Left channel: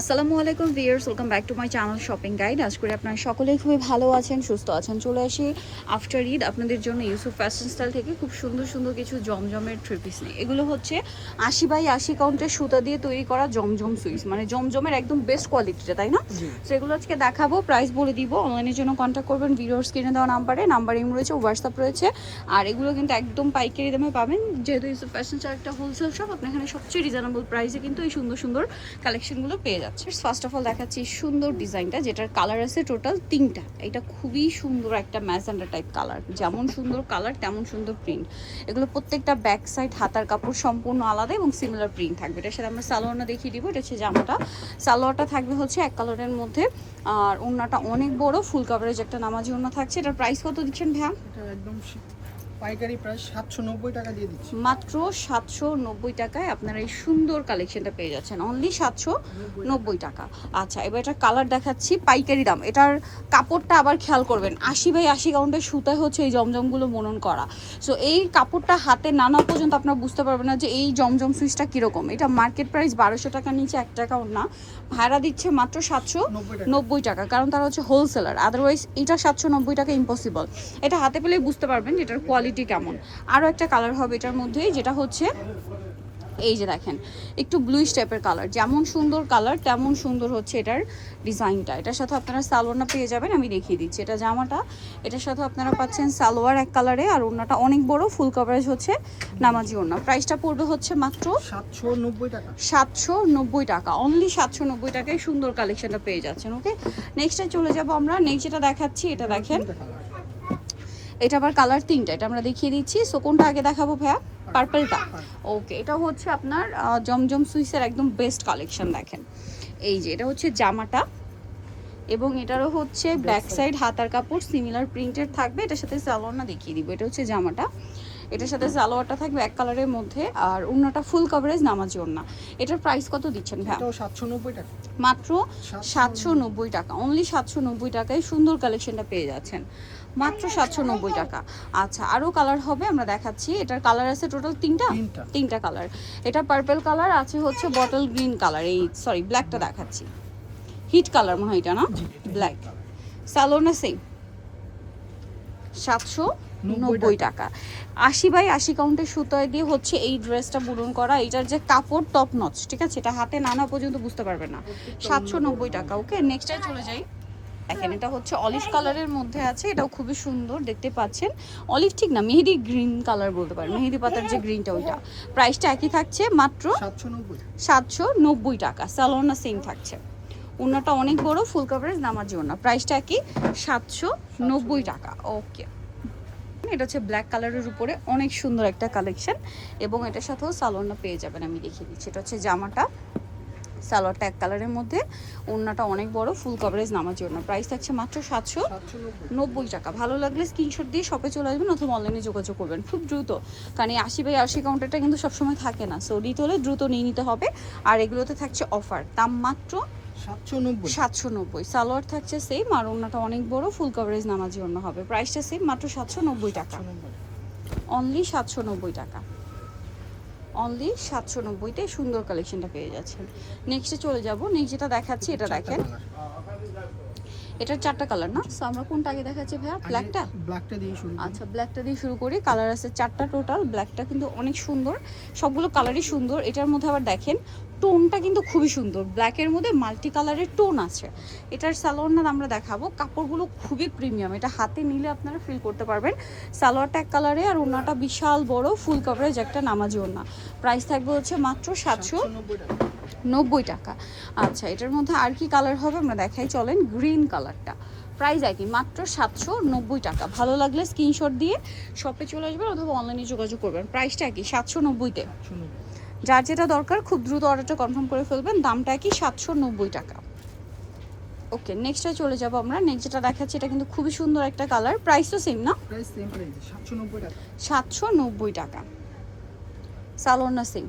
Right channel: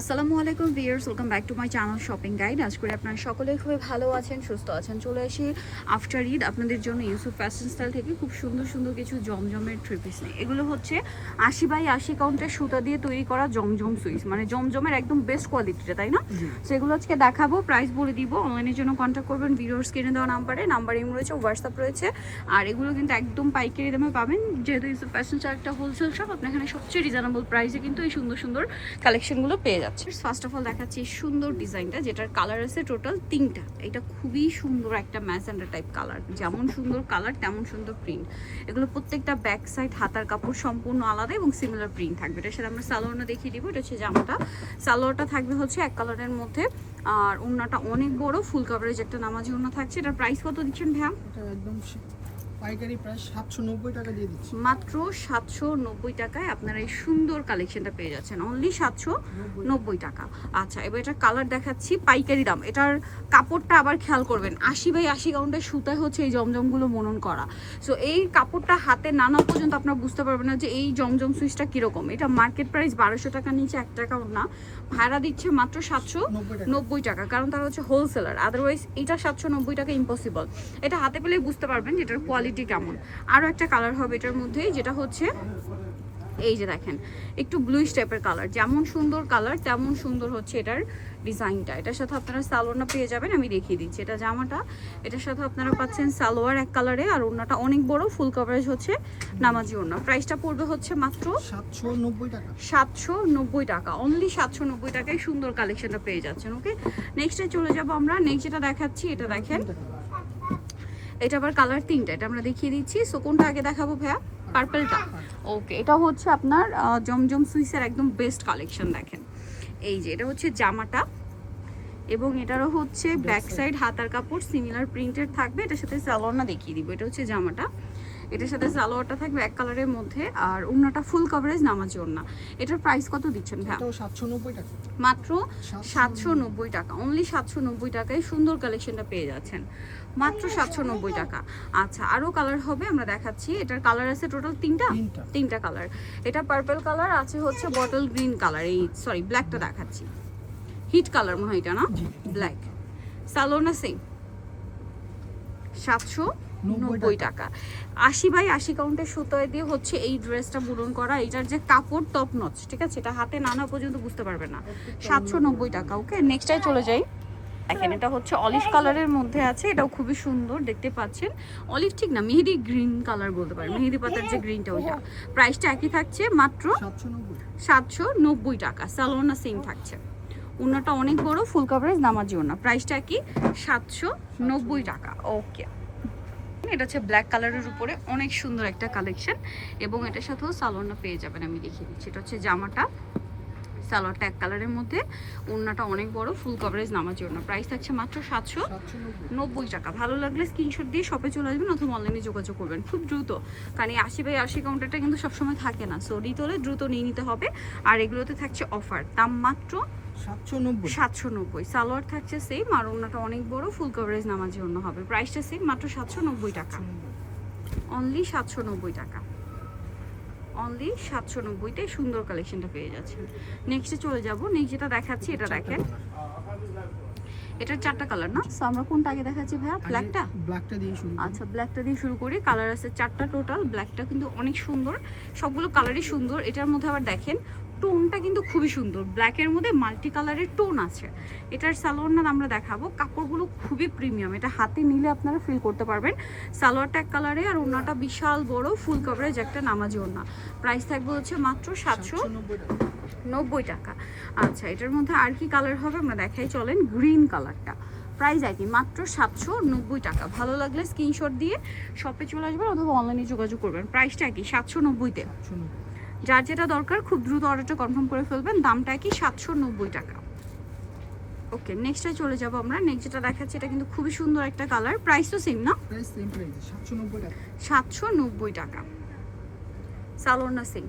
আসসালামু আলাইকুম viewers, welcome back to my channel shopping guide. আজ করে আপনারা সকলেই খুবই ভালো আছেন, সুস্থ আছেন। চলে আসি আফটার ঈদ আপনাদের জন্য ইউসুফ ফ্যাশন স্টাইল থেকে খুব সুন্দর সুন্দর কিছু জমজমের থ্রি পিস নিয়ে। এগুলো হচ্ছে 80x80 কাউন্টের সুতা দিয়ে তৈরি করা জমজম সুইস, মানে জমজমের একদম বেস্ট কোয়ালিটিটা, তাই না? সেগুলো আজকে দেখাবো, প্রাইস বলে দিব। অনলাইনের জন্য কন্ট্যাক্ট করবেন ভিডিওর স্ক্রিনে দেওয়া নাম্বার ইমো রয়েছে, হোয়াটসঅ্যাপ রয়েছে। আর এগুলো কিন্তু একদম পাইকারি দামে পাবেন, যেহেতু ইউসুফ ফ্যাশন স্টাইল একটা হোলসেল শপ। আপনি এখানে সবচেয়ে রিজনেবল প্রাইসে কিন্তু এই সুন্দর সুন্দর কালেকশনগুলো পেয়ে যাচ্ছে। ফার্স্ট অফ অল দেখাচ্ছি সুন্দর ডিজাইনটা, যেটার কালার আছে টোটাল 3টা। এটা খুবই সুন্দর একটা ম্যাজেন্ডা টাইপ কালার, যেমন সুন্দর কালার তেমন সুন্দর প্রিন্ট। এগুলো প্রত্যেকটা ব্যাক সাইড হাতার কাপড় সম্পূর্ণ আলাদা এবং সিমিলার প্রিন্ট থাকবে। এটার সাথে আমরা সালোয়ারটা দেখিয়ে দিব। এটা হচ্ছে জামাটা, সালোয়ারটা থাকবে হচ্ছে এক কালারের মধ্যে, আর ওড়নাটা অনেক বড় ফুল কভারেজ একটা নামাজি ওড়না থাকছে। এটার প্রাইস কত দিচ্ছেন ভাইয়া? এটা একদম পাইকারি প্রাইস 790 টাকা দিয়ে দিচ্ছি। মাত্র 790 টাকায় আপনারা এই সুন্দর কালেকশনটা পেয়ে যাচ্ছেন, অনলি 790 টাকা। আচ্ছা, এবার এটা কালার দেখাচ্ছি পাইকারি দাম। এটার কাপড়টা আবার খেয়াল করবেন, 80x80 কাউন্টের সুতায় হচ্ছে এই জমজমগুলো বুনন করা। সো এই কাপড়টা হাতে নানা পর্যন্ত আপনারা বুঝতে পারবেন না যে এই জমজম সুইচটা কীরকম। এটা মার্কেট প্রাইস 1200 টাকার নিচে 1 টাকাও না। ভাড়া দিচ্ছে মাত্র 790 টাকা, কারণ তারা হচ্ছে হোলসেলার। আদারওয়াইজ এটা 790 টাকা ইম্পসিবল। এটা হাতে পেলেই বুঝতে পারবেন এটার কোয়ালিটি কেমন। আরও একটা কালার হবে এটার মধ্যে, যেটা হচ্ছে এই যে দেখেন একটু ব্লুইশ টাইপের কালার। যেমন সুন্দর কালার তেমন সুন্দর হচ্ছে এটার ডিজাইনটা। এটার সাথে আপনারা সালোয়ারটা পেয়ে যাবেন, আমি দেখিয়ে দিচ্ছি। এটা জামাটা, এটার সাথে আপনারা পাচ্ছেন সালোয়ার এক কালারে, আর ওড়নাটা অনেক বড় ফুল কভারেজ হচ্ছে নামাজি ওড়না। প্রাইসটা পড়বে হচ্ছে মাত্র 790 টাকা। 790 টাকা, অনলি 790 টাকায় সুন্দর কালেকশনটা পেয়ে যাচ্ছেন। ওকে, নেক্সটে চলে যাব আমরা। নেক্সট যেটা দেখাচ্ছি, এটা দেখেন, এটা আবার কালার 3টা। এটা আমরা দেখিয়ে দিচ্ছি। সো কোনটা আগে দেখাবো ভাইয়া? পার্পলটা। ওকে, এটা হচ্ছে আপনার জমজম সুইসের একদম বেস্ট কালেকশন। দেখেন এই যে এটা হচ্ছে জামাটা, এবং এটারও হচ্ছে ব্যাক সাইড হাতার কাপড় সিমিলার প্রিন্টেড থাকবে। এটার সাথে সালোয়ারটা দেখিয়ে দিব। এটা হচ্ছে জামাটা, এটার সাথে সালোয়ারটা থাকবে এক কালারের মধ্যে, আর ওড়নাটা ফুল কভারেজ নামাজি ওড়না। এটার প্রাইস কত দিচ্ছেন ভাই? এটাও 790 টাকা। মাত্র 790 টাকা, অনলি 790 টাকায় সুন্দর কালেকশনটা পেয়ে যাচ্ছেন, মাত্র 790 টাকা। আচ্ছা, আরও কালার হবে, আমরা দেখাচ্ছি। এটার কালার আছে টোটাল 3টা কালার। এটা পার্পল কালার আছে, হচ্ছে বটল গ্রিন কালার, এই সরি ব্ল্যাকটা দেখাচ্ছি, হিট কালার মনে হয় এটা না, ব্ল্যাক। সালোনা সেম 790 টাকা। 80x80 কাউন্টের সুতায় দিয়ে হচ্ছে এই ড্রেসটা বুনন করা। এটার যে কাপড় টপ নচ, ঠিক আছে, এটা হাতে নানা পর্যন্ত বুঝতে পারবে না। 790 টাকা। ওকে, নেক্সটটাই চলে যাই। দেখেন এটা হচ্ছে অলিভ কালারের মধ্যে আছে, এটাও খুবই সুন্দর দেখতে পাচ্ছেন। অলিভ ঠিক না, মেহেদি গ্রিন কালার বলতে পারেন, মেহেদি পাতার যে গ্রিনটা ওইটা। প্রাইসটা একই থাকছে, মাত্র 790 টাকা। সালোনা সেম থাকছে, ওড়নাটা অনেক বড় ফুল কভারেজ নামাজি ওড়না। প্রাইসটা কি? 790 টাকা। ওকে, এটা হচ্ছে ব্ল্যাক কালারের উপরে অনেক সুন্দর একটা কালেকশন, এবং এটার সাথেও সালোয়ারটা পেয়ে যাবেন, আমি দেখিয়ে দিচ্ছি। এটা হচ্ছে জামাটা, সালোয়ারটা এক কালারের মধ্যে, ওড়নাটা অনেক বড় ফুল কভারেজ নামাজি ওড়না। প্রাইস থাকছে মাত্র 790 টাকা। ভালো লাগলে স্ক্রিনশট দিয়ে শপে চলে আসবেন অথবা অনলাইনে যোগাযোগ করবেন খুব দ্রুত, কারণ এই 80x80 কাউন্টারটা কিন্তু সবসময় থাকে না। সো নিতে হলে দ্রুত নিয়ে নিতে হবে। আর এগুলোতে থাকছে অফার, দাম মাত্র 790। সালোয়ার থাকছে সেম, আর ওড়নাটা অনেক বড় ফুল কভারেজ নামাজি ওড়না হবে। প্রাইসটা সেম, মাত্র 790 টাকা, অনলি 790 টাকা, অনলি 790-তে সুন্দর কালেকশনটা পেয়ে যাচ্ছেন। নেক্সটে চলে যাব। নেক্সট যেটা দেখাচ্ছি, এটা দেখেন, এটার 4টা কালার না? সো আমরা কোনটা আগে দেখাচ্ছি ভাইয়া? ব্ল্যাকটা দিয়ে শুরু। আচ্ছা, ব্ল্যাকটা দিয়ে শুরু করি। কালার আছে 4টা টোটাল। ব্ল্যাকটা কিন্তু অনেক সুন্দর, সবগুলো কালারই সুন্দর। এটার মধ্যে আবার দেখেন টোনটা কিন্তু খুবই সুন্দর, ব্ল্যাকের মধ্যে মাল্টি কালারের টোন আছে। এটার সালোয়ারটা আমরা দেখাবো, কাপড়গুলো খুবই প্রিমিয়াম, এটা হাতে নিলে আপনারা ফিল করতে পারবেন। সালোয়ারটা এক কালারে, আর ওড়নাটা বিশাল বড় ফুল কভারেজ একটা নামাজি ওড়না। প্রাইস থাকবে হচ্ছে মাত্র 790 টাকা। আচ্ছা, এটার মধ্যে আর কি কালার হবে আমরা দেখাই, চলেন। গ্রিন কালারটা, প্রাইস একই, মাত্র 790 টাকা। ভালো লাগলে স্ক্রিনশট দিয়ে শপে চলে আসবেন অথবা অনলাইনে যোগাযোগ করবেন। প্রাইসটা একই, 790-তে। যার যেটা দরকার খুব দ্রুত অর্ডারটা কনফার্ম করে ফেলবেন। দামটা কি? 790 টাকা। ওকে, নেক্সটে চলে যাব আমরা। নেক্সট যেটা দেখাচ্ছি, এটা কিন্তু খুবই সুন্দর একটা কালার। প্রাইস তো সেম না? প্রাইস সেম, প্রাইস 790 টাকা। 790 টাকা, সালোনা সেম,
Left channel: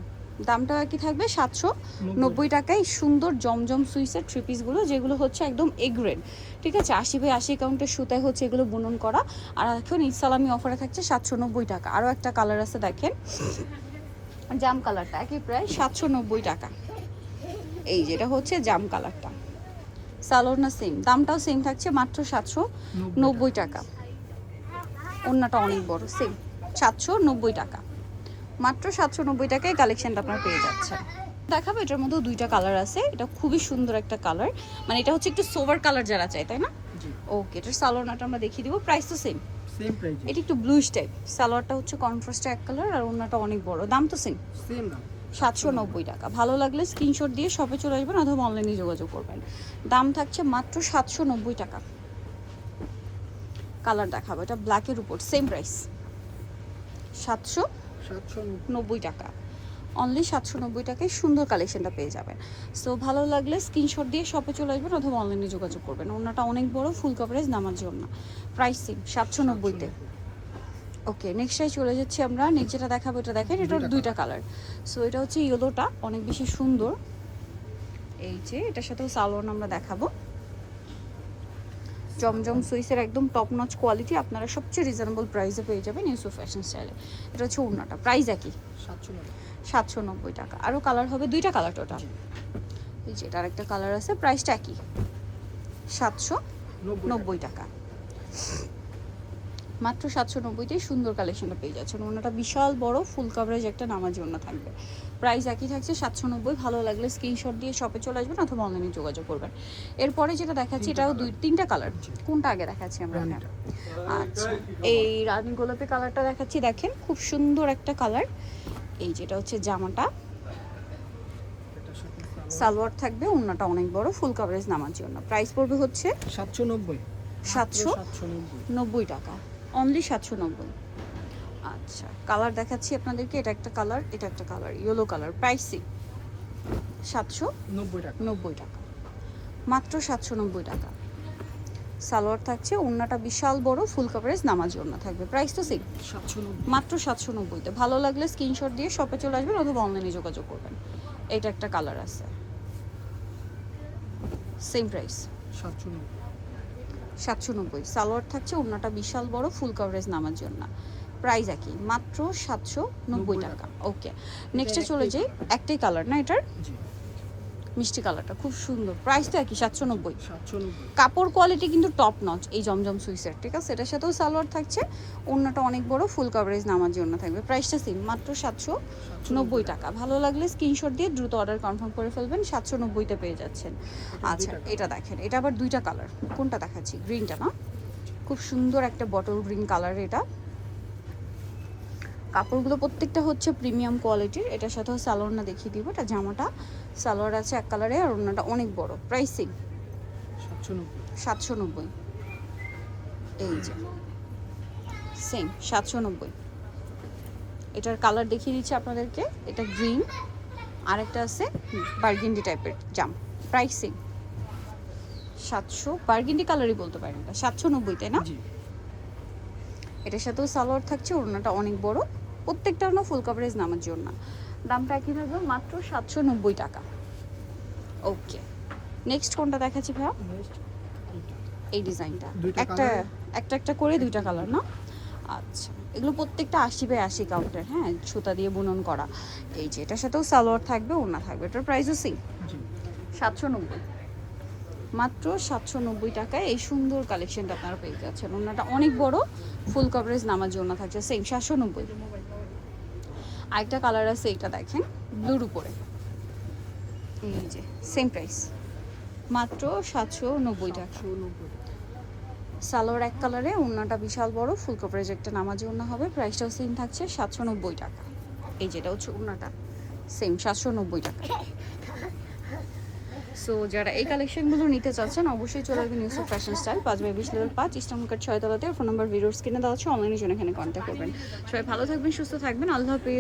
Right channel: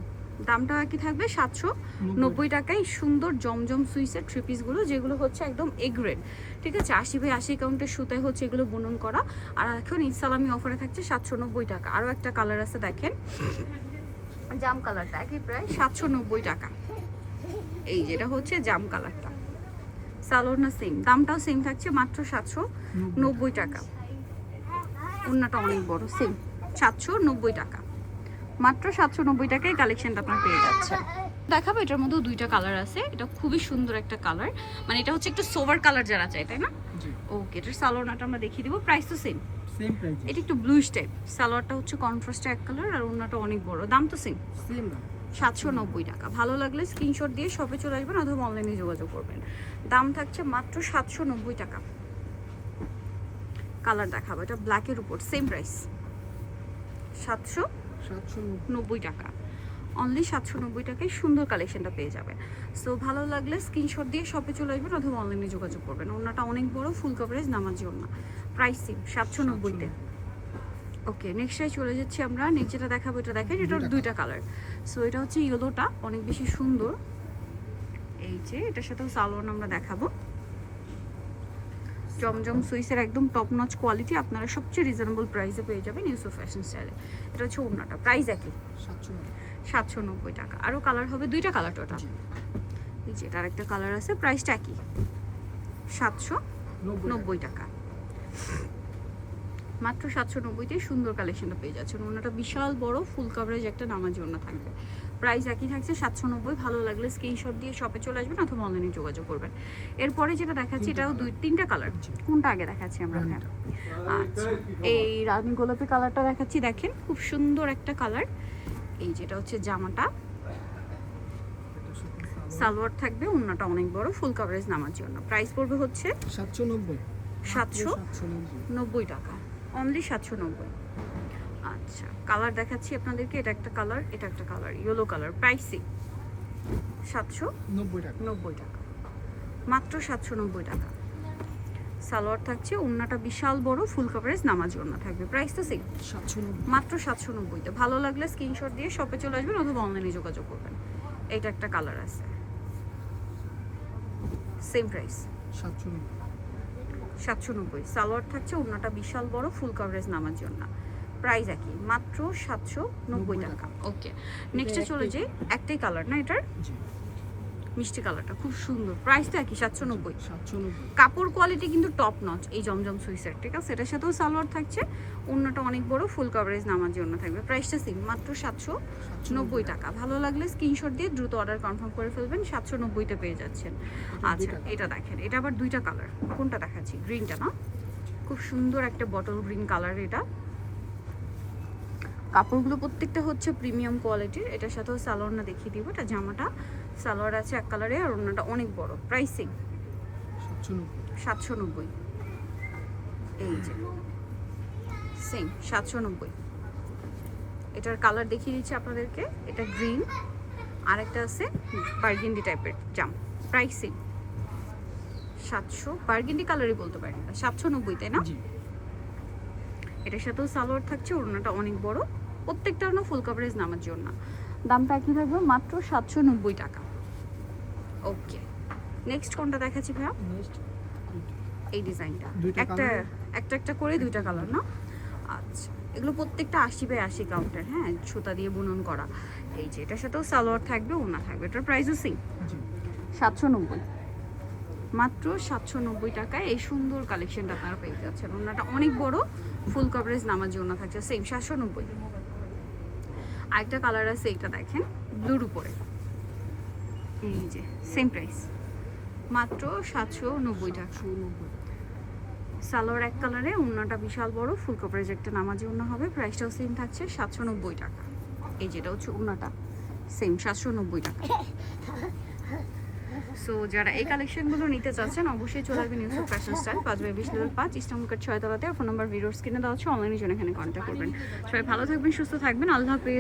দামটা কি থাকবে? 790 টাকায় সুন্দর জমজম সুইসের থ্রি পিসগুলো, যেগুলো হচ্ছে একদম এ গ্রেড, ঠিক আছে। 80x80 কাউন্টের সুতায় হচ্ছে এগুলো বুনন করা। আর এখন ঈদ সালামি অফারে থাকছে 790 টাকা। আরও একটা কালার আছে দেখেন, জাম কালারটা, একই প্রায় 790 টাকা। এই যেটা হচ্ছে জাম কালারটা, সালোয়ার সেম, দামটাও সেম থাকছে মাত্র 790 টাকা। ওড়নাটা অনেক বড়, সেম 790 টাকা, মাত্র 790 টাকায় কালেকশনটা আপনার পেয়ে যাচ্ছেন। দেখাবো এটার মধ্যে দুইটা কালার আছে, এটা খুবই সুন্দর একটা কালার, মানে এটা হচ্ছে একটু সোভার কালার যারা চায়, তাই না? জি ওকে, এটার সালোয়ারটা আমরা দেখিয়ে দিব, প্রাইস তো সেম। Same price. এটা একটু ব্লুইশ টাইপ, সালোয়ারটা হচ্ছে কন্ট্রাস্ট এক কালার, আর ওড়নাটা অনেক বড়, দাম তো সেম সেম দাম 790 টাকা। ভালো লাগলে স্ক্রিনশট দিয়ে শপে চলে আসবেন অথবা অনলাইনে যোগাযোগ করবেন। দাম থাকছে মাত্র 790 টাকা। কালার দেখাবো, এটা ব্ল্যাকের উপর, সেম প্রাইস 790 টাকা। অনলি 790 টাকায় সুন্দর কালেকশনটা পেয়ে যাবেন। সো ভালো লাগলে স্ক্রিনশট দিয়ে শপে চলে আসবেন অথবা অনলাইনে যোগাযোগ করবেন। ওড়নাটা অনেক বড়, ফুল কভারেজ নামার জন্য, প্রাইস সেম 790-তে। ওকে, নেক্সটটাই চলে যাচ্ছি আমরা। নেক্সট যেটা দেখাবো এটা দেখেন, এটার দুইটা কালার। সো এটা হচ্ছে ইয়েলোটা, অনেক বেশি সুন্দর। এই যে এটার সাথেও সালোয়ার আমরা দেখাবো, জমজম সুইসের একদম টপ নচ কোয়ালিটি, আপনারা সবচেয়ে রিজনেবল প্রাইসে পেয়ে যাবেন ইউসুফ ফ্যাশন স্টাইলে। এটা হচ্ছে ওড়নাটা, প্রাইস একই 790 টাকা। আরও কালার হবে, দুইটা কালার টোটাল। এই যে এটার একটা কালার আছে, প্রাইসটা একই 790 টাকা। মাত্র 790-তে সুন্দর কালেকশনটা পেয়ে যাচ্ছেন। ওনাটা বিশাল বড় ফুল কভারেজ একটা নামার জন্য থাকবে, প্রাইস একই থাকছে 790। ভালো লাগলে স্ক্রিনশট দিয়ে শপে চলে আসবেন অথবা অনলাইনে যোগাযোগ করবেন। এরপরে যেটা দেখাচ্ছি এটাও তিনটা কালার, কোনটা আগে দেখাচ্ছি আমরা? আচ্ছা, এই রানী গোলাপি কালারটা দেখাচ্ছি, দেখেন খুব সুন্দর একটা কালার। এই যেটা হচ্ছে জামাটা, সালোয়ার থাকবে, ওড়নাটা অনেক বড়, ফুল কভারেজ নামার জন্য। প্রাইস পড়বে হচ্ছে 790 টাকা, অনলি 790। আচ্ছা, কালার দেখাচ্ছি আপনাদেরকে, এটা একটা কালার, এটা একটা কালার, ইয়েলো কালার, প্রাইসই 790 টাকা, মাত্র 790 টাকা। সালোয়ার থাকছে, ওড়নাটা বিশাল বড়, ফুল কভারেজ নামাজ ওড়না থাকবে, প্রাইস তো সেম 790, মাত্র 790-তে। ভালো লাগলে স্ক্রিনশট দিয়ে শপে চলে আসবেন অথবা অনলাইনে যোগাযোগ করবেন। এটা একটা কালার আছে, সেম প্রাইস 790। সালোয়ার থাকছে, ওড়নাটা বিশাল বড়, ফুল কভারেজ নামার জন্য, প্রাইস একই মাত্র 790 টাকা। ওকে, নেক্সটে চলে যাই। একটাই কালার না এটার, মিষ্টি কালারটা খুব সুন্দর, প্রাইস তো একই 790। কাপড় কোয়ালিটি কিন্তু টপ নচ এই জমজম সুইসের, ঠিক আছে? এটার সাথেও সালোয়ার থাকছে, ওড়নাটা অনেক বড়, ফুল কভারেজ নামার জন্য থাকবে, প্রাইসটা সেম মাত্র 790 টাকা। ভালো লাগলে স্ক্রিনশট দিয়ে দ্রুত অর্ডার কনফার্ম করে ফেলবেন, 790-তে পেয়ে যাচ্ছেন। আচ্ছা, এটা দেখেন, এটা আবার দুইটা কালার, কোনটা দেখাচ্ছি? গ্রিনটা না, খুব সুন্দর একটা বটল গ্রিন কালার। এটা কাপড়গুলো প্রত্যেকটা হচ্ছে প্রিমিয়াম কোয়ালিটির। এটার সাথেও সালোয়ার না দেখিয়ে দিব, এটা জামাটা সালোয়ার আছে এক কালারে, আর ওড়নাটা অনেক বড়, প্রাইস সেম 790। এই যে সেম 790। এটার কালার দেখিয়ে দিচ্ছি আপনাদেরকে, এটা গ্রিন, আরেকটা আছে বার্গেন্ডি টাইপের জাম, প্রাইস সেম 700, বার্গেন্ডি কালারই বলতে পারেন, এটা 790, তাই না? এটার সাথেও সালোয়ার থাকছে, ওড়নাটা অনেক বড়, প্রত্যেকটা ওড়না ফুল কভারেজ নামার জন্য। দামটা একই থাকবে মাত্র 790 টাকা। ওকে, নেক্সট কোনটা দেখাচ্ছি ভাইয়া? এই ডিজাইনটা একটা একটা করে দুইটা কালার না? আচ্ছা, এগুলো প্রত্যেকটা 80/80 কাউন্টের, হ্যাঁ, সুতা দিয়ে বুনন করা। এই যে এটার সাথেও সালোয়ার থাকবে, ওড়না থাকবে, এটার প্রাইসও সেম 790, মাত্র 790 টাকায় এই সুন্দর কালেকশনটা আপনারা পেয়ে যাচ্ছেন। ওড়নাটা অনেক বড়, ফুল কভারেজ নামার জন্য থাকছে, সেম 790। আরেকটা কালার আছে, এটা দেখেন ব্লুর উপরে, এই যে সেম প্রাইস মাত্র 790 টাকা। সালোয়ার এক কালারে, ওড়নাটা বিশাল বড়, ফুল কভারেজ একটা নামাজি ওড়না হবে, প্রাইসটাও সেম থাকছে 790 টাকা। এই যেটা হচ্ছে ওড়নাটা, সেম 790 টাকা। সো যারা এই কালেকশনগুলো নিতে চাচ্ছেন অবশ্যই চলে আসবেন Yusuf fashion style, 5/20 level 5, eastern market 6 তলাতে। ফোন নাম্বার ভিডিওর স্ক্রিনে দেওয়া আছে, অনলাইনে জন্য এখানে কন্ট্যাক্ট করবেন। সবাই ভালো থাকবেন, সুস্থ থাকবেন, আল্লাহ হাফেজ।